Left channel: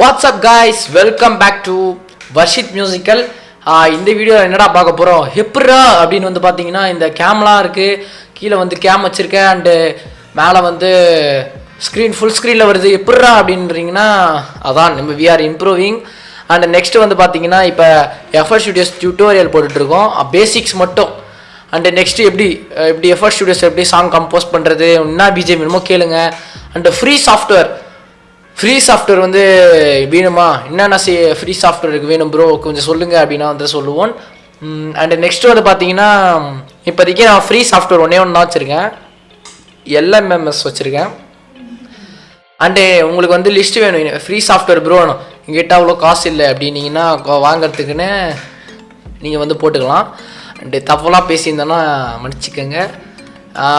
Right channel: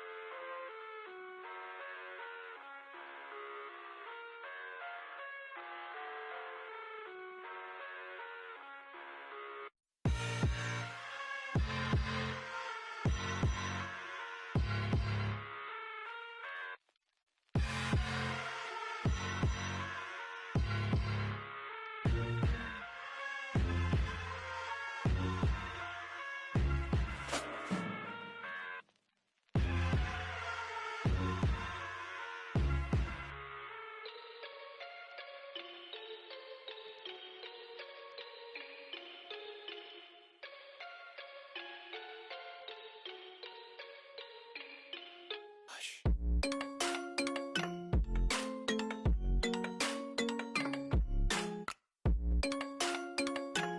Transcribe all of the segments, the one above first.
WhatsApp guys, welcome back to Varshith musical. இந்த video என்னடா பார்க்க போகிறோம் எப்படா அப்படின்னு வந்து பார்த்தீங்கன்னா, இந்த கேம்லாம் இருக்குது, கீழே வந்து கேம் வச்சுருக்கேன் அண்டு மேலே வந்து ஸ்க்ரீன் ஃபுல் ஸ்க்ரீனில் வருது. எப்படா அப்படின்றீங்கன்னா, அதான் நம்ம we are improving. And next வந்து பார்த்தீங்கன்னா, இப்போ எஃப்எஸ் ஸ்டுடியோஸ் டியூட்டோரியல் போட்டுட்ருக்கோம், பேசிக்ஸ் மட்டும். அண்டு நெக்ஸ்ட்டு எப்படி எஃப்எஸ் ஸ்டுடியோஸ் எப்படி சாங் கம்போஸ் பண்ணுறது, என்ன பிஜிஎம் வேணுமோ கேளுங்க. அண்டு ஃப்ரீ சாஃப்ட்வேர் வந்து வேணுமா, என்னென்ன ஃப்ரீ சாஃப்ட்வேருக்கு வேணும் ப்ரோ கொஞ்சம் சொல்லுங்கள் அப்படின்னா வந்து சொல்லுவோம். அண்டு நெக்ஸ்ட்டு வந்து பார்த்தீங்கன்னா, இப்போதைக்கு நான் ஃப்ரீ சாஃப்ட்வேர் ஒன்றே ஒன்று தான் வச்சுருக்கேன், எல்எம்எம்எஸ் வச்சுருக்கேன். அண்டு உங்களுக்கு வந்து லிஸ்ட்டு வேணும், ஃப்ரீ சாஃப்ட்வேர் ப்ரோ வேணும், எங்கிட்ட அவ்வளோ காசு இல்லை அப்படின்னீங்கன்னா வாங்கிறதுக்குன்னு நீங்கள் வந்து போட்டுக்கலாம். அண்டு தப்பெல்லாம் பேசியிருந்தேன்னா மன்னிச்சிக்கோங்க.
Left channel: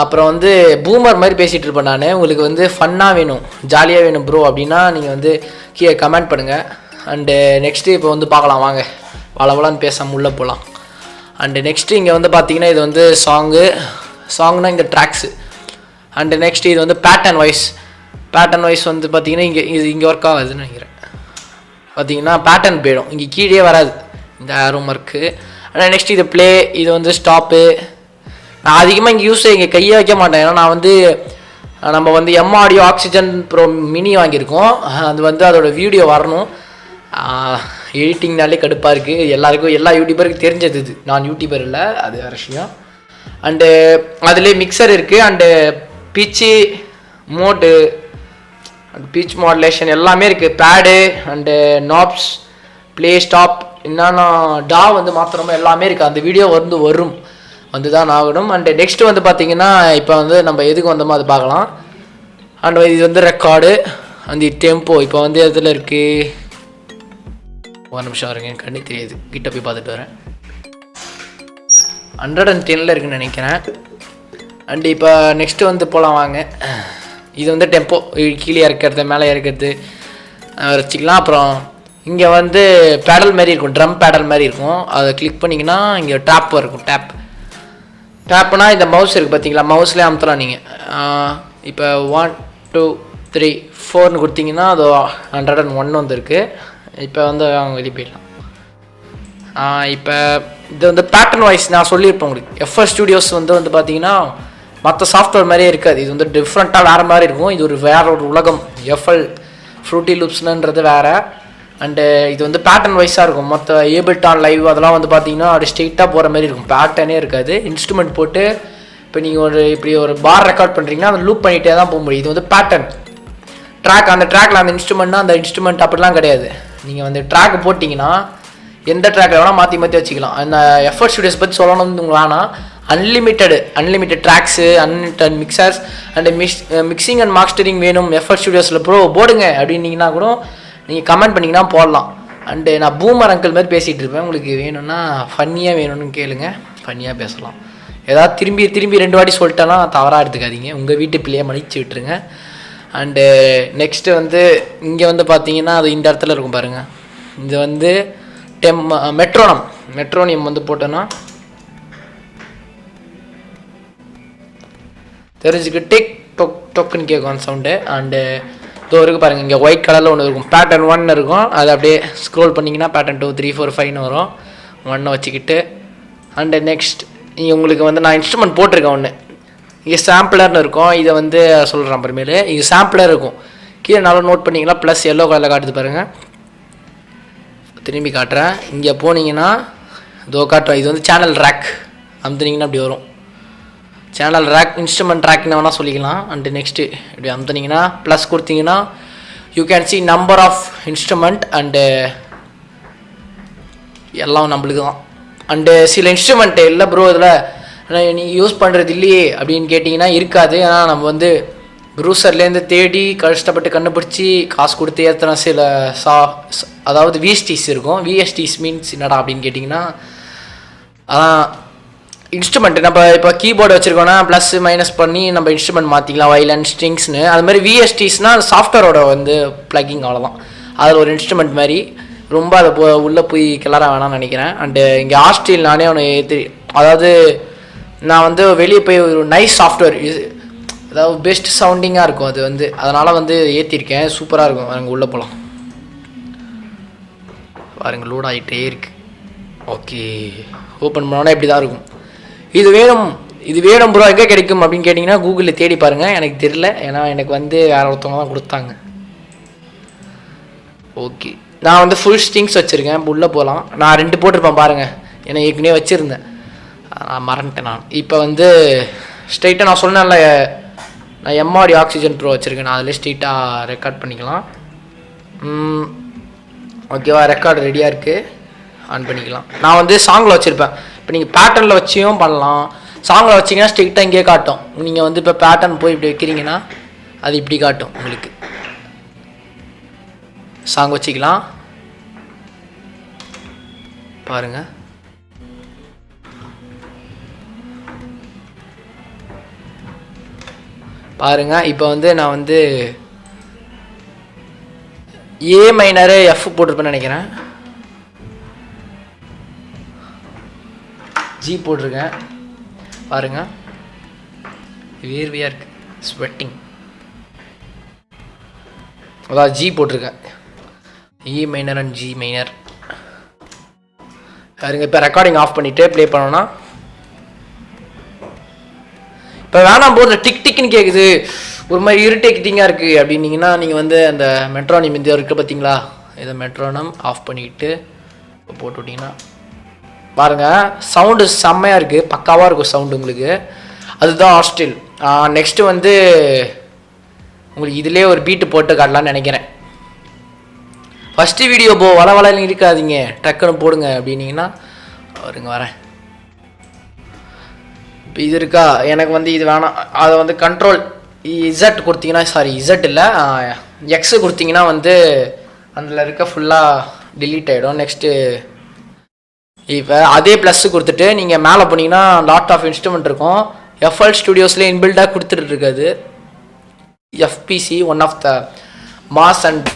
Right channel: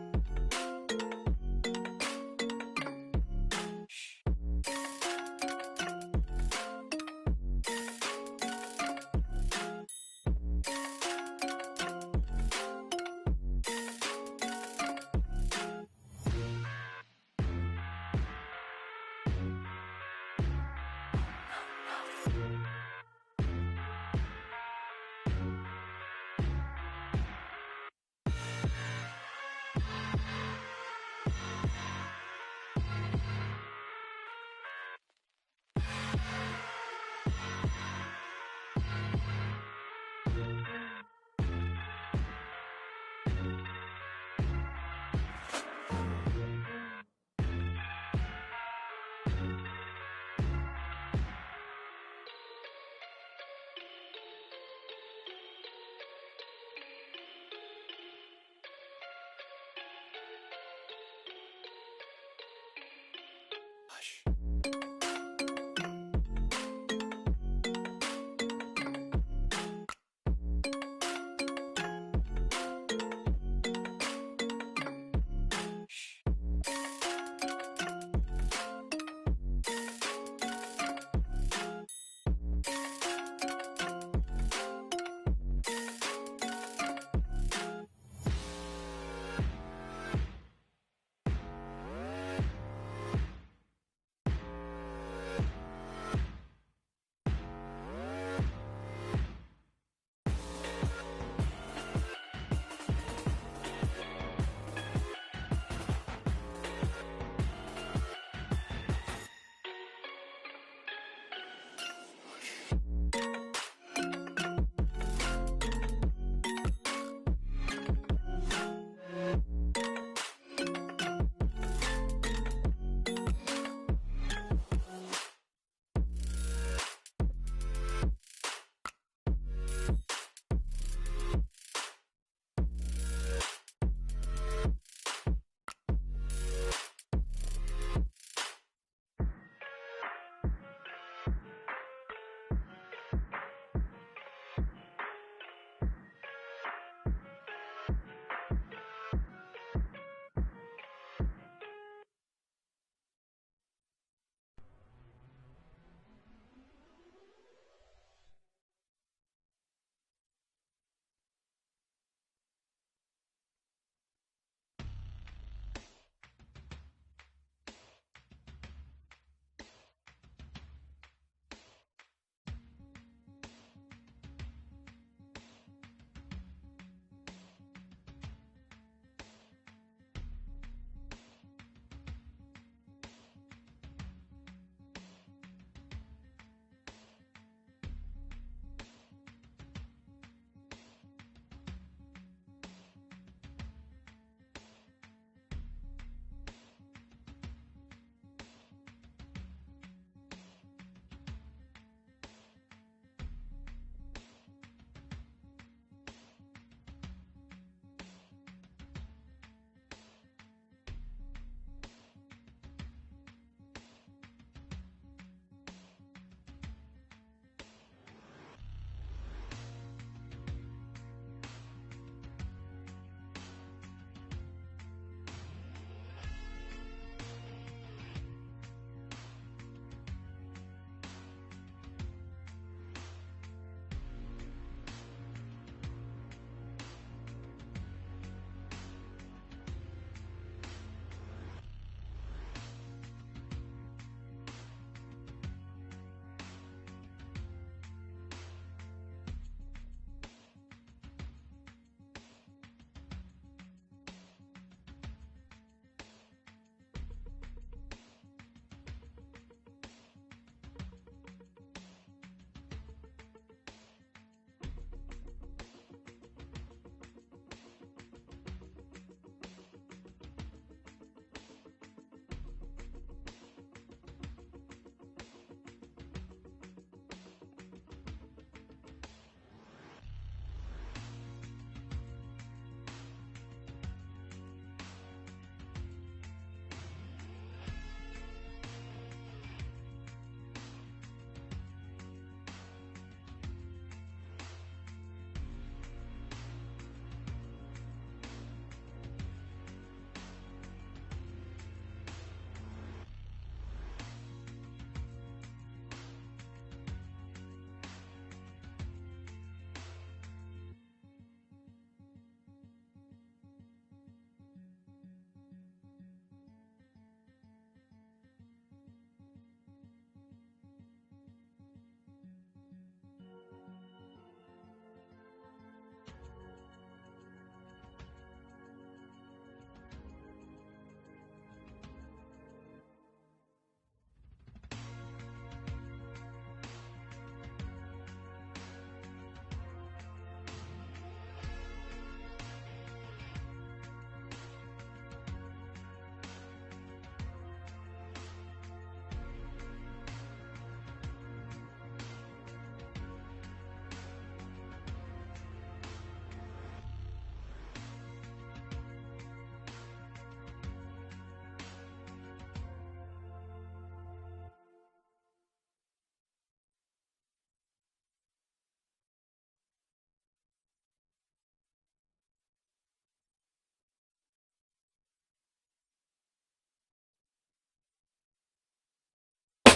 அப்புறம் வந்து பூமர் மாதிரி பேசிகிட்டு இருப்பேன் நான். உங்களுக்கு வந்து ஃபன்னாக வேணும், ஜாலியாக வேணும் ப்ரோ அப்படின்னா நீங்கள் வந்து கீழே கமெண்ட் பண்ணுங்கள். அண்டு நெக்ஸ்ட்டு இப்போ வந்து பார்க்கலாம் வாங்க, வளவலான்னு பேசாமல் உள்ளே போகலாம். அண்டு நெக்ஸ்ட்டு இங்கே வந்து பார்த்தீங்கன்னா, இது வந்து சாங்னா இந்த ட்ராக்ஸு. அண்டு நெக்ஸ்ட்டு இது வந்து பேட்டர்ன் வைஸ் வந்து பார்த்தீங்கன்னா, இங்கே ஒர்க் ஆகுதுன்னு நினைக்கிறேன். பார்த்தீங்கன்னா பேட்டர்ன் போயிடும், இங்கே கீழே வராது இந்த ஆரோ மார்க்கு. ஆனால் நெக்ஸ்ட் இது ப்ளே, இது வந்து ஸ்டாப்பு. நான் அதிகமாக இங்கே இங்கே கையை வைக்க மாட்டேன், ஏன்னா நான் வந்து நம்ம வந்து ஆடியோ ஆக்சிஜன் ப்ரோ மினி வாங்கியிருக்கோம். அது வந்து அதோட வீடியோ வரணும், எடிட்டிங்னாலே கடுப்பாக இருக்குது. எல்லா யூடியூபருக்கு தெரிஞ்சது இது, நான் யூடியூபர் இல்லை, அது வேறு விஷயம். அண்டு அதுலேயே மிக்சர் இருக்குது, அண்டு பிச்சு மோடு, பீச் மாடுலேஷன் எல்லாமே இருக்குது, pad and knobs, play stop, என்னன்னா வந்து மாத்திரமா எல்லாமே இருக்குது. அந்த வீடியோ வந்து வரும், வந்து தான் ஆகணும். அண்டு நெக்ஸ்ட்டு வந்து பார்த்தீங்கன்னா, இப்போ வந்து நம்ம எதுக்கு வந்தோமோ அது பார்க்கலாம். அண்ட் இது வந்து ரெக்கார்டு, அந்த டெம்போ இப்போ வந்து எதில் இருக்குது, ஒரு நிமிஷம் இருங்க, கண்ணு தெரியுது, கிட்ட போய் பார்த்துட்டு வரேன். 110 இருக்குன்னு நினைக்கிறேன். அண்டு இப்போ நெக்ஸ்ட்டு வந்து போகலாம் வாங்க. இது வந்து டெம்போ, கீழே இறக்கிறது மேலே இறக்கிறது வச்சுக்கலாம். அப்புறம் இங்கே வந்து பேடல் மாதிரி இருக்கும், ட்ரம் பேடல் மாதிரி இருக்கும், அதை கிளிக் பண்ணிங்கன்னா இங்கே டேப் இருக்கும். டேப்னா இந்த மவுஸ் இருக்குது பார்த்தீங்களா, மவுஸ்லேயே அமுத்தலாம் நீங்கள். இப்போ 1 2 3 4ன்னு கொடுத்தீங்கன்னா அது 101 வந்துருக்கு. இப்போ வந்து அவங்க வெளியே போயிடலாம். இப்போ இது வந்து பேட்டர்ன் வைஸ் நான் சொல்லியிருப்பேன் உங்களுக்கு. எஃப்எஸ் ஸ்டுடியோஸ் வந்து பார்த்தீங்கன்னா மற்ற சாஃப்ட்வேர் மாதிரியே இருக்காது, இது வந்து டிஃப்ரெண்ட்டாக வேறு மாதிரி இருக்கும். இது ஒரு உலகம், எஃப்எல் ஃப்ரூட்டி லூப்ஸ்ன்றது வேறு. அண்டு இது வந்து பேட்டர்ன் வைஸாக இருக்கும். மற்ற ஏபிள்டான் லைவ் அதெல்லாம் வந்து பார்த்தீங்கன்னா அப்படி ஸ்ட்ரெயிட்டாக போகிற மாதிரி இருக்கும், பேட்டர்னே இருக்காது. இன்ஸ்ட்ருமெண்ட் போட்டு இப்போ நீங்கள் இப்படி ஒரு பார் ரெக்கார்ட் பண்ணுறீங்கன்னா அதை லூப் பண்ணிகிட்டே தான் போக முடியும். இது வந்து பேட்டர்ன் ட்ராக், அந்த ட்ராக்கில் அந்த இன்ஸ்ட்ருமெண்ட்னா அந்த இன்ஸ்ட்ருமெண்ட் அப்படிலாம் கிடையாது. நீங்கள் வந்து ட்ராக் போட்டிங்கன்னா எந்த ட்ராக்கில் வேணால் மாற்றி வச்சுக்கலாம். அந்த எஃப்எஸ் ஸ்டுடியோஸ் பற்றி சொல்லணும்னு வேணால், unlimited tracks, unlimited mixtures and mixing and mastering வேணும் எஃப்எஸ் ஸ்டுடியோஸில் ப்ரோ போடுங்க அப்படின்னீங்கன்னா கூட நீங்கள் கமெண்ட் பண்ணிங்கன்னா போடலாம். அண்டு நான் பூமர் அங்கிள் மாதிரி பேசிகிட்டு இருப்பேன், உங்களுக்கு வேணும்னா ஃபன்னியாக வேணும்னு கேளுங்க, ஃபன்னியாக பேசலாம். ஏதாவது திரும்பி 2 வாட்டி சொல்லிட்டேன்னா தவறாக எடுத்துக்காதீங்க, உங்கள் வீட்டு பிள்ளையை மன்னிச்சு விட்டுருங்க. அண்டு நெக்ஸ்ட்டு வந்து இங்கே வந்து பார்த்தீங்கன்னா அது இந்த இடத்துல இருக்கும் பாருங்கள், இது வந்து மெட்ரோனியம் வந்து போட்டோன்னா தெரிஞ்சுக்கு டிக் டொக் டொக்குன்னு கேட்கும் அந்த சவுண்டு. அண்டு இதோ இருக்குது பாருங்கள், இங்கே ஒயிட் கலரில் ஒன்று இருக்கும், பேட்டர்ன் 1 இருக்கும், அது அப்படியே ஸ்க்ரோல் பண்ணிங்கன்னா பேட்டர்ன் 2 3 4 5ன்னு வரும். 1 வச்சுக்கிட்டு அண்டு நெக்ஸ்ட் இங்கே உங்களுக்கு வந்து நான் இன்ஸ்ட்ருமெண்ட் போட்டிருக்கேன் ஒன்று, இங்கே சாம்பிளர்னு இருக்கும். இதை வந்து சொல்கிறேன் அப்புறமேலு. இங்கே சாம்பிளர் இருக்கும், கீழே நல்லா நோட் பண்ணிங்கன்னா ப்ளஸ் எல்லோ கலரில் காட்டுது பாருங்கள். திரும்பி காட்டுறேன், இங்கே போனீங்கன்னா இதோ காட்டுறேன், இது வந்து சேனல் ரேக் அமுத்துனீங்கன்னா அப்படி வரும். சேனல் ரேக், இன்ஸ்ட்ருமெண்ட் ரேக்னு வேணால் சொல்லிக்கலாம். அண்டு நெக்ஸ்ட்டு இப்படி அமுத்துனீங்கன்னா ப்ளஸ் கொடுத்தீங்கன்னா you can see number of instrument and எல்லாம் நம்மளுக்கு தான். அண்டு சில இன்ஸ்ட்ருமெண்ட்டு இல்லை ப்ரோ இதில் நீங்கள் யூஸ் பண்ணுறது இல்லையே அப்படின்னு கேட்டிங்கன்னா இருக்காது. ஏன்னா நம்ம வந்து ப்ரூசர்லேருந்து தேடி கஷ்டப்பட்டு கண்டுபிடிச்சி காசு கொடுத்து ஏற்றின சில அதாவது விஎஸ்டிஸ் இருக்கும். விஎஸ்டிஸ் மீன்ஸ் என்னடா அப்படின்னு கேட்டிங்கன்னா, அதான் இன்ஸ்ட்ருமெண்ட். நம்ம இப்போ கீபோர்டு வச்சுருக்கோன்னா ப்ளஸ் மைனஸ் பண்ணி நம்ம இன்ஸ்ட்ருமெண்ட் மாற்றிக்கலாம், வயலன் ஸ்ட்ரிங்ஸ்னு. அது மாதிரி விஎஸ்டிஸ்னால் சாஃப்ட்வேரோட வந்து ப்ளக்கிங், அவ்வளோதான். அதில் ஒரு இன்ஸ்ட்ருமெண்ட் மாதிரி ரொம்ப அதை உள்ளே போய் கிளற வேணாம்னு நினைக்கிறேன். அண்டு இங்கே ஹாஸ்டல் நானே ஒன்று அதாவது நான் வந்து வெளியே போய் ஒரு நைஸ் சாஃப்ட்வேர், அதாவது பெஸ்ட் சவுண்டிங்காக இருக்கும் அது வந்து, அதனால் வந்து ஏற்றிருக்கேன், சூப்பராக இருக்கும். அங்கே உள்ளே போகலாம். பாருங்கள் லோட் ஆகிட்டே இருக்குது. ஓகே, ஓப்பன் பண்ணோன்னா இப்படி தான் இருக்கும். இது வேணும் ப்ரோ, எங்கே கிடைக்கும் அப்படின்னு கேட்டிங்கன்னா கூகுளில் தேடி பாருங்கள். எனக்கு தெரியல, ஏன்னா எனக்கு வந்து வேறு ஒருத்தவங்க தான் கொடுத்தாங்க. ஓகே, நான் வந்து ஃபுல் ஸ்ட்ரிங்ஸ் வச்சுருக்கேன். இப்போ உள்ளே போகலாம். நான் 2 போட்டிருப்பேன் பாருங்கள், ஏன்னா ஏற்கனவே வச்சுருந்தேன், நான் மறந்துட்டேன். நான் இப்போ வந்து ஸ்ட்ரைட்டாக நான் சொன்னேன்ல, நான் எம்ஆடி ஆக்சிஜன் ப்ரோ வச்சுருக்கேன். நான் அதில் ஸ்ட்ரைட்டாக ரெக்கார்ட் பண்ணிக்கலாம். ஓகேவா, ரெக்கார்டு ரெடியாக இருக்குது, ஆன் பண்ணிக்கலாம். நான் வந்து சாங்கில் வச்சுருப்பேன். இப்போ நீங்கள் பேட்டர்னில் வச்சியும் பண்ணலாம். சாங்கில் வச்சிங்கன்னா ஸ்ட்ரைட்டாக இங்கே காட்டும். நீங்கள் வந்து இப்போ பேட்டர்ன் போய் இப்படி வைக்கிறீங்கன்னா அது இப்படி காட்டும் உங்களுக்கு. சாங் வச்சுக்கலாம் பாருங்கள். இப்போ வந்து நான் வந்து ஏ மைனரு எஃப் போட்டிருப்பேன்னு நினைக்கிறேன். ஜி போட்டிருக்கேன் பாருங்க, வேர்வையாக இருக்குது, ஸ்வெட்டிங். அதான் ஜி போட்டிருக்கேன், இ மைனர் அண்ட் ஜி மைனர். பாருங்க, இப்போ ரெக்கார்டிங் ஆஃப் பண்ணிவிட்டு ப்ளே பண்ணோன்னா இப்போ வேணாம் போது டிக் டிக்னு கேட்குது, ஒரு மாதிரி இரிட்டேட்டிங்காக இருக்குது அப்படின்னீங்கன்னா நீங்கள் வந்து அந்த மெட்ரோனம் இந்த இருக்குது பார்த்தீங்களா, இதை மெட்ரோனம் ஆஃப் பண்ணிக்கிட்டு இப்போ போட்டு விட்டிங்கன்னா பாருங்கள் சவுண்டு செம்மையாக இருக்குது, பக்காவாக இருக்கும் சவுண்டு உங்களுக்கு. அதுதான் ஹாஸ்டல். நெக்ஸ்ட்டு வந்து உங்களுக்கு இதிலே ஒரு பீட்டு போட்டு காட்டலான்னு நினைக்கிறேன். ஃபஸ்ட்டு வீடியோ வள வளன்னு இருக்காதீங்க, டக்குன்னு போடுங்க அப்படின்னீங்கன்னா வருங்க வரேன். இப்போ இது இருக்கா, எனக்கு வந்து இது வேணாம். அதை வந்து கண்ட்ரோல் இசட் கொடுத்தீங்கன்னா, சாரி இசட் இல்லை எக்ஸு கொடுத்தீங்கன்னா வந்து அதில் இருக்க ஃபுல்லாக டிலீட் ஆகிடும். நெக்ஸ்ட்டு இப்போ அதே ப்ளஸ்ஸு கொடுத்துட்டு நீங்கள் மேலே போனீங்கன்னா லாட் ஆஃப் இன்ஸ்ட்ருமெண்ட் இருக்கும். எஃப்எல் ஸ்டுடியோஸில் இன்பில்டாக கொடுத்துட்டு இருக்காது. FPC one of the mass and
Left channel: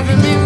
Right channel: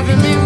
Give me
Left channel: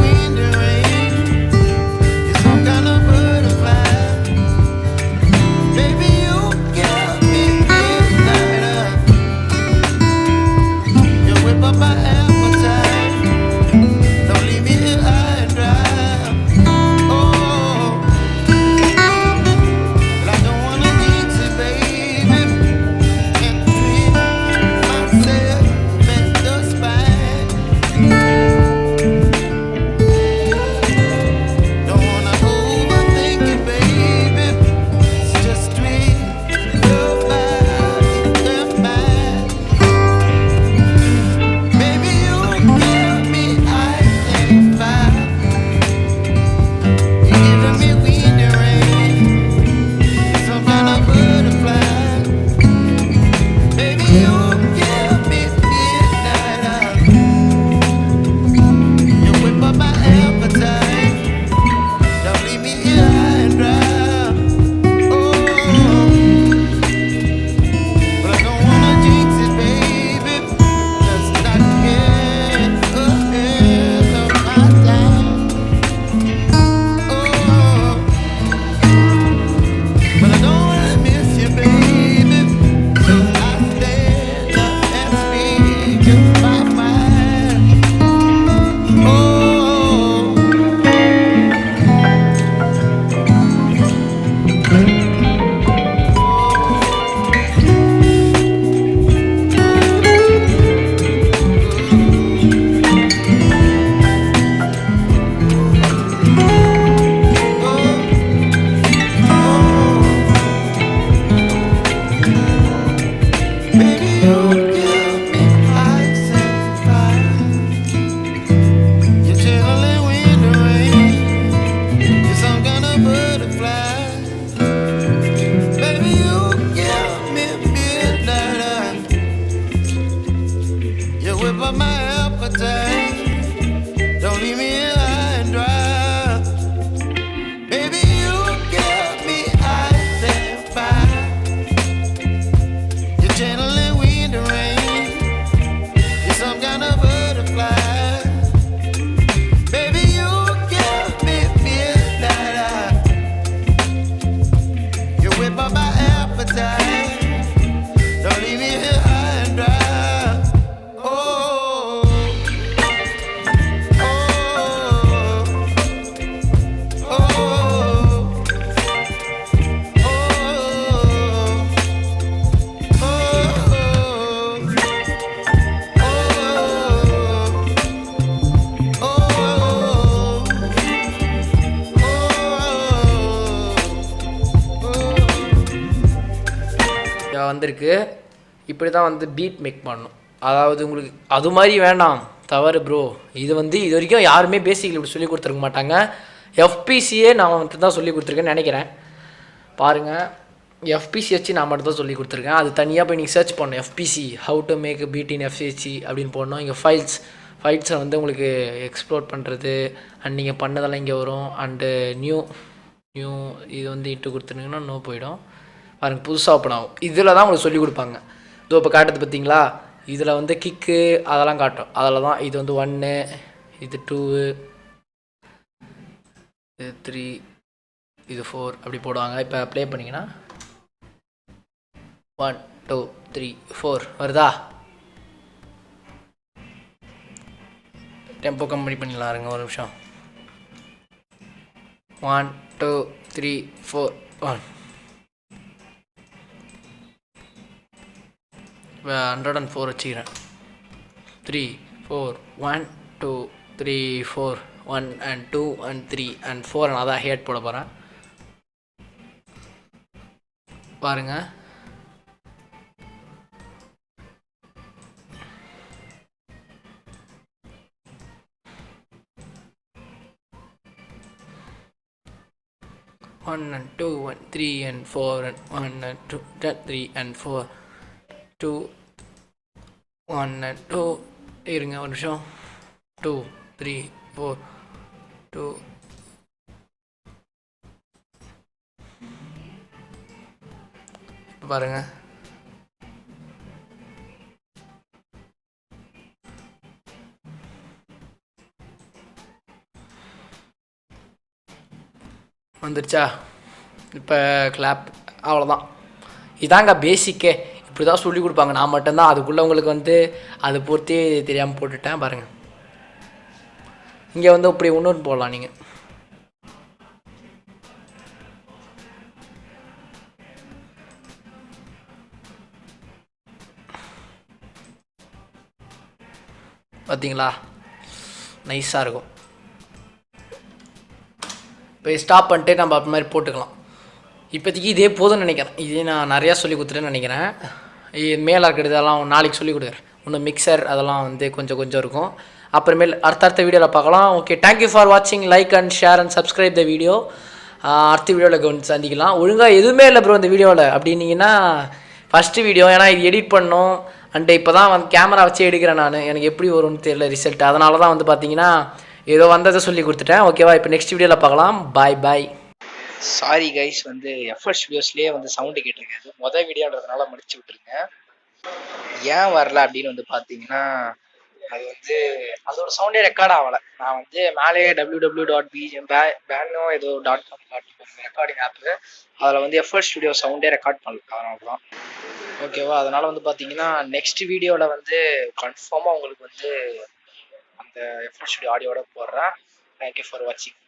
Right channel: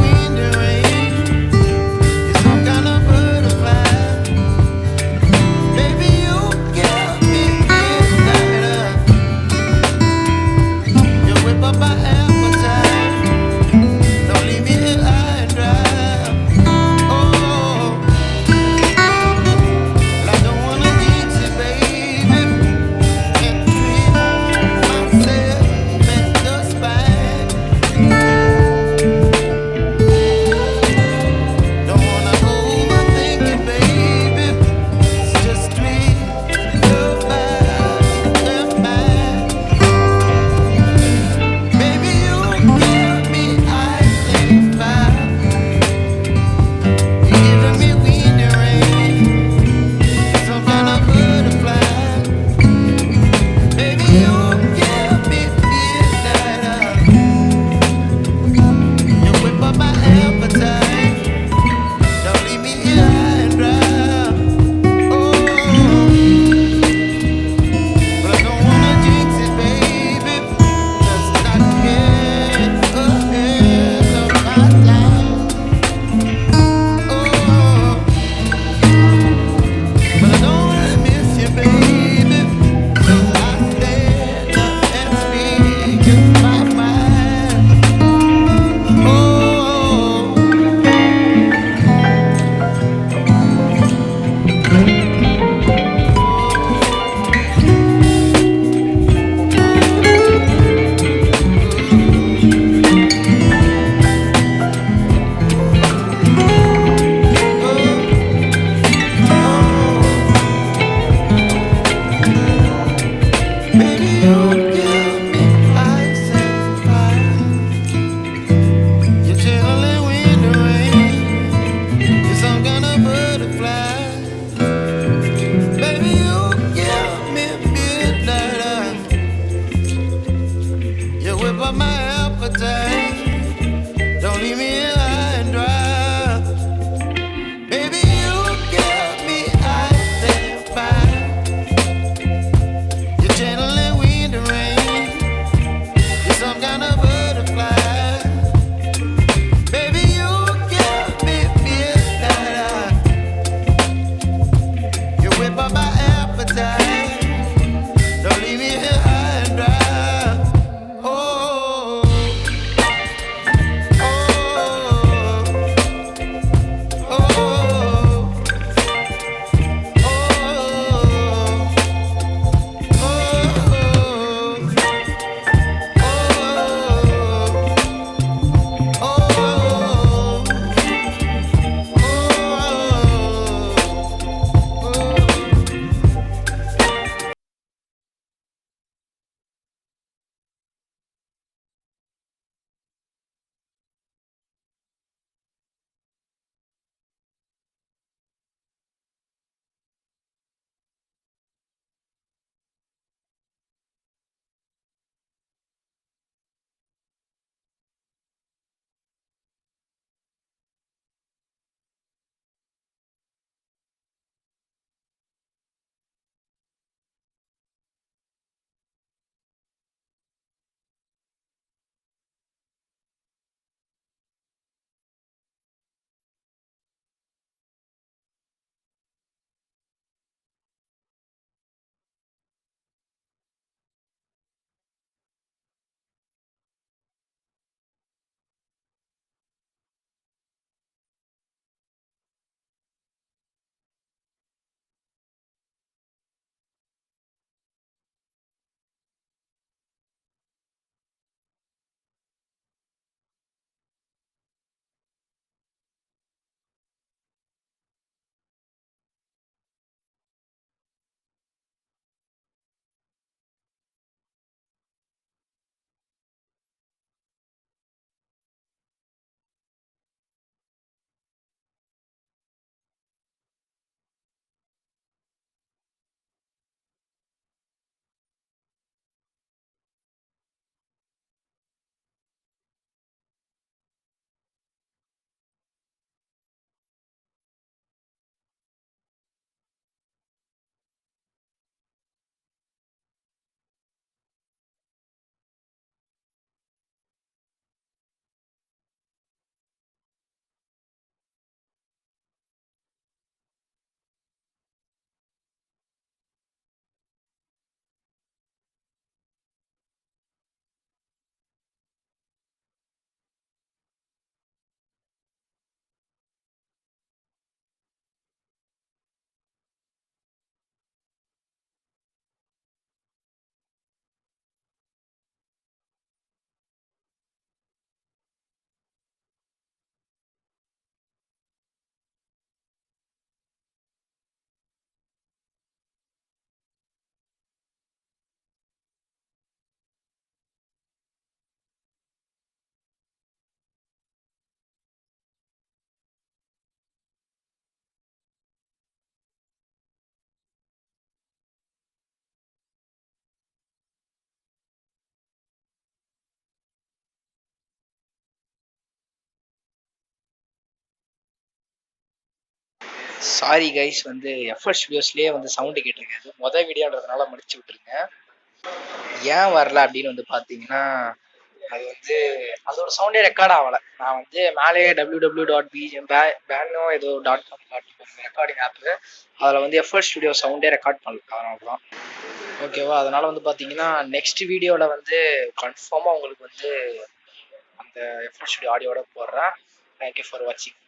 இப்படி தான் வந்து பீட் மேக் பண்ணணும். அதாவது உங்களுக்கு அது மாதிரி வேண்டாம், தவறு ப்ரோ. இது வரைக்கும் யாருமே பேசிக்கலி இப்படி சொல்லி கொடுத்துருக்க மாட்டாங்க. எஃபிசியே நான் மட்டும் தான் சொல்லி கொடுத்துருக்கேன்னு நினைக்கிறேன். பாருங்கள், எஃபிசி வச்சு நான் மட்டும் தான் சொல்லி கொடுத்துருக்கேன். அது தனியாக போய் நீங்கள் சர்ச் பண்ணணும், FPC how to make beat in FPC அப்படின்னு போடணும். இங்கே ஃபைல்ஸை வந்து உங்களுக்கு எக்ஸ்ப்ளோர் பண்ணுறது அண்ட் நீங்கள் பண்ணதெல்லாம் இங்கே வரும். அண்டு நியூ இது வந்து இட்டு கொடுத்துருங்கன்னா நோ போயிடும். பாருங்கள், புதுசாக ஓப்பன் ஆகும். இதில் தான் உங்களுக்கு சொல்லிக் கொடுப்பாங்க. இதோ இப்போ காட்டுறது பார்த்தீங்களா, இதில் வந்து கிக்கு அதெல்லாம் காட்டும். அதில் தான் இது வந்து 1, இது 2, இது 3, இது 4 அப்படி போடுவாங்க. இப்போ ப்ளே பண்ணிங்கன்னா 1 2 3 4 வருதா? டெம்போ கம்மி பண்ணிடலாம் இருங்க ஒரு நிமிஷம். 1 2 3 4 1. இப்போ 104 வச்சுக்கிறேன். 3 4 1 2 3 4 1 and 2 and 3 and 4 நான் தான் ஹேட் போட போகிறேன். பாருங்கள், one and 2 and 3 and 4 and 1 and 2 and 3 and 4 2 1 and 2 இருங்க ஒரு நிமிஷம். 2 3 4 2 பாருங்க, வந்துருச்சா? இப்போ கிளாப், அவ்வளோதான். இதாங்க பேசிக்கே. இப்படி தான் சொல்லி கொடுப்பாங்க. நான் மட்டும்தான் அதுக்குள்ளே உங்களுக்கு வந்து அதை பொறுத்தே தெரியாமல் போட்டுட்டேன். பாருங்கள், இங்கே வந்து இப்படி இன்னொன்று போடலாம். நீங்கள் பார்த்தீங்களா, நைஸாக இருக்கும். இப்போ ஸ்டாப் பண்ணிட்டு நம்ம அப்படி மாதிரி போட்டுக்கலாம். இப்போதைக்கு இதே போதும்னு நினைக்கிறேன். இதே நான் நிறையா சொல்லி கொடுத்துட்டேன்னு நினைக்கிறேன். மேலே இருக்கிறது அதெல்லாம் நாளைக்கு சொல்லி கொடுக்குறேன். இன்னும் மிக்சர் அதெல்லாம் வந்து கொஞ்சம் இருக்கும். அப்புறமேல் அடுத்த வீடியோவில் பார்க்கலாம். ஓகே, தேங்க்யூ ஃபார் வாட்சிங். Like and share and subscribe the video. அடுத்த வீடியோவில் வந்து சந்திக்கலாம். ஒழுங்காக எதுவுமே இல்லை ப்ரோ இந்த வீடியோவில் அப்படின்னீங்கன்னா ஃபஸ்ட்டு வீடியோ, ஏன்னா இது எடிட் பண்ணோம். அண்ட் இப்போ தான் வந்து கேமரா வச்சு எடுக்கிறேன் நான். எனக்கு எப்படி வரும்னு தெரியல ரிசல்ட். அதனால தான் வந்து பார்த்தீங்கன்னா ஏதோ வந்ததை சொல்லி கொடுத்துட்டேன். ஓகேவா, இப்போ நெக்ஸ்ட் வீடியோவில் பார்க்கலாம். பாய். சாரி கைஸ், வந்து எஃப்எஸ் வீடியோஸ்லேயே வந்து சவுண்டு கேட்டிருக்காது. மொதல் வீடியோன்றதுனால முடிச்சு விட்டுருங்க. ஏன் வரல அப்படின்னு வந்து பார்த்தீங்கன்னா, அது வந்து அதோட சவுண்டே ரெக்கார்ட் ஆகலை. நான் வந்து மேலே www.bano ஏதோ .com ரெக்கார்டிங் ஆப்பு, அதில் வந்து எஃப்எஸ் ஸ்டுடியோ சவுண்டே ரெக்கார்ட் பண்ணல. அதனால தான். ஓகேவா, அதனால் வந்து பார்த்தீங்கன்னா நெக்ஸ்ட் வீடியோவில் வந்து கன்ஃபார்மாக உங்களுக்கு வந்து அந்த எஃப்எஸ் ஸ்டுடியோ ஆடியோட போடுறேன். தேங்க்யூ ஃபார் வாட்சிங்.